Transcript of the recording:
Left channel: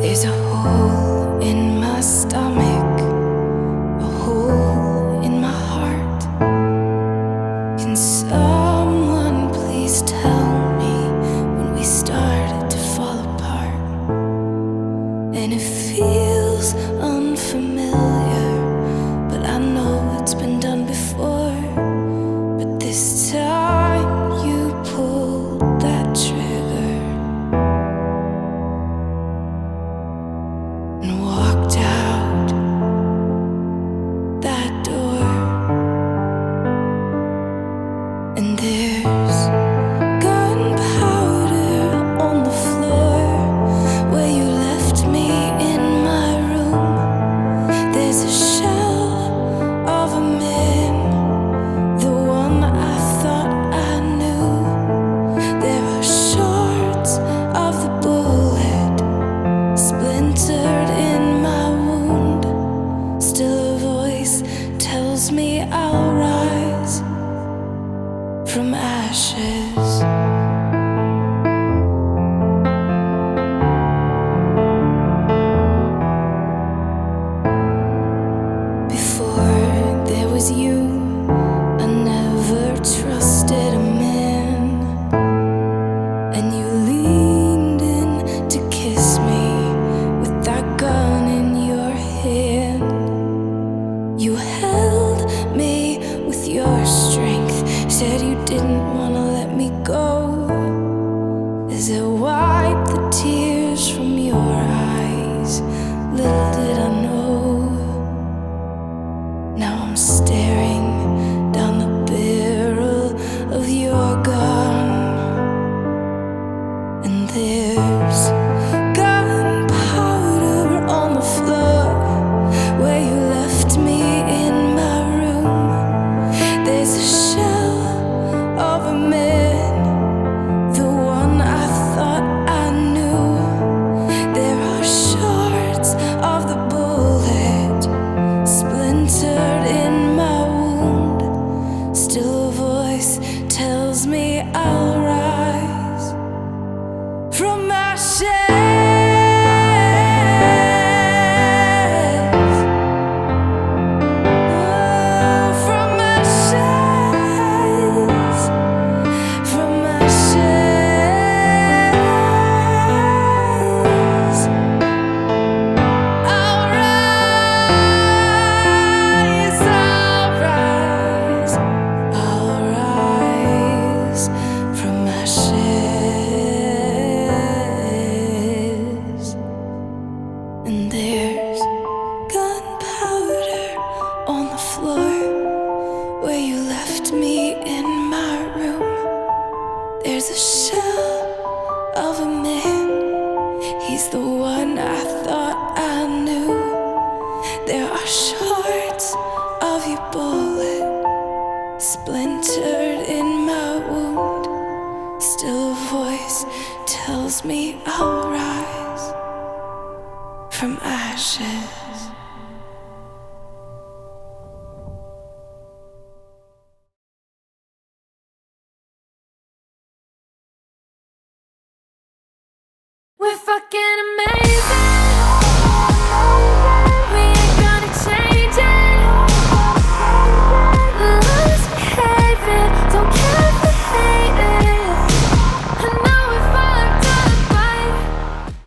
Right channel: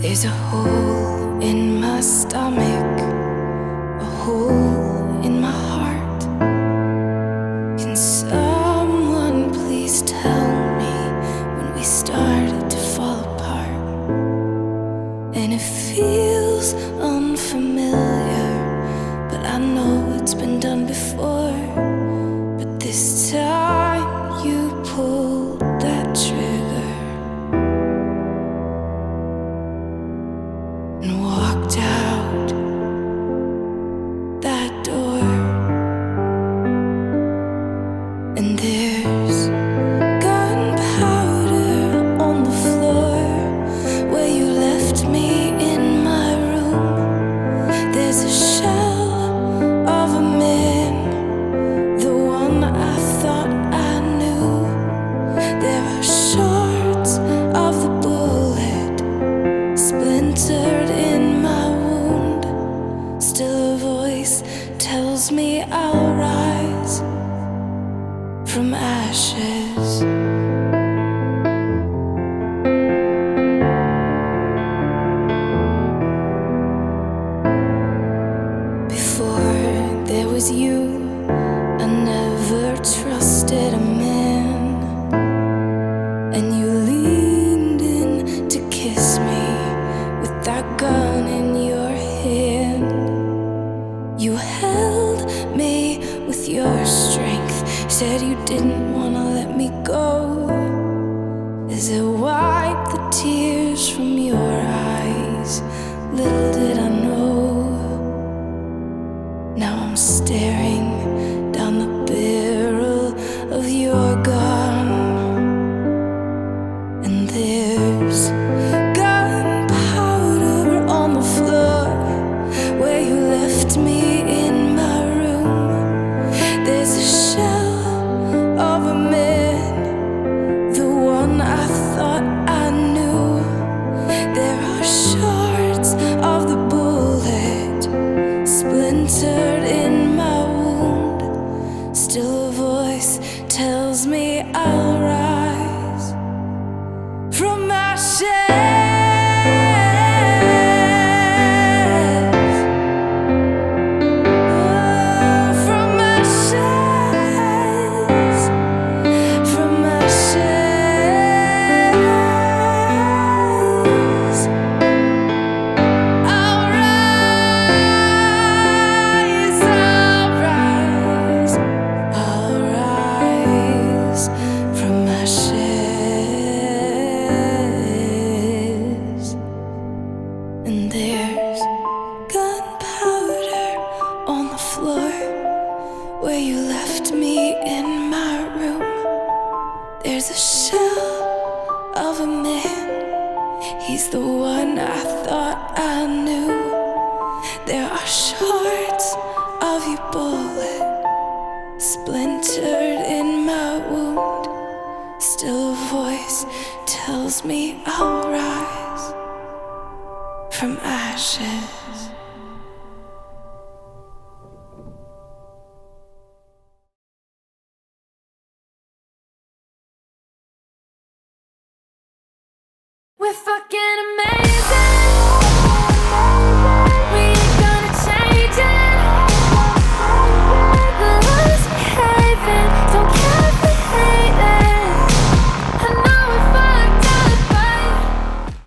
There's a hole in my stomach, a hole in my heart. Can someone please tell me when we started to fall apart? And it feels unfamiliar, but I know it's been done before. But this time you pulled that trigger and walked out that door. And there's gunpowder on the floor where you left me in my room. There's a shell of a man, the one I thought I knew. There are shards of the bullet splintered in my wound. Still a voice tells me I'll rise from ashes. Before there was you, I never trusted a man. And you leaned in to kiss me with that gun in your hand. You held me with your strength, said you didn't want to let me go. As I wiped the tears from your eyes, little did I know. Now I'm staring down the barrel of your gun, and there's gunpowder on the floor where you left me in my room. There's a shell of a man, the one I thought I knew. There are shards of the bullet splintered in my wound. Still a voice tells me I'll rise from ashes. Oh, from ashes, from ashes. I'll rise, I'll rise, I'll rise from ashes. And there's gunpowder on the floor where you left me in my room. There's a shell of a man, he's the one I thought I knew. There are shards of your bullet splintered in my wound. Still a voice tells me I'll rise from ashes. We're fucking amazing.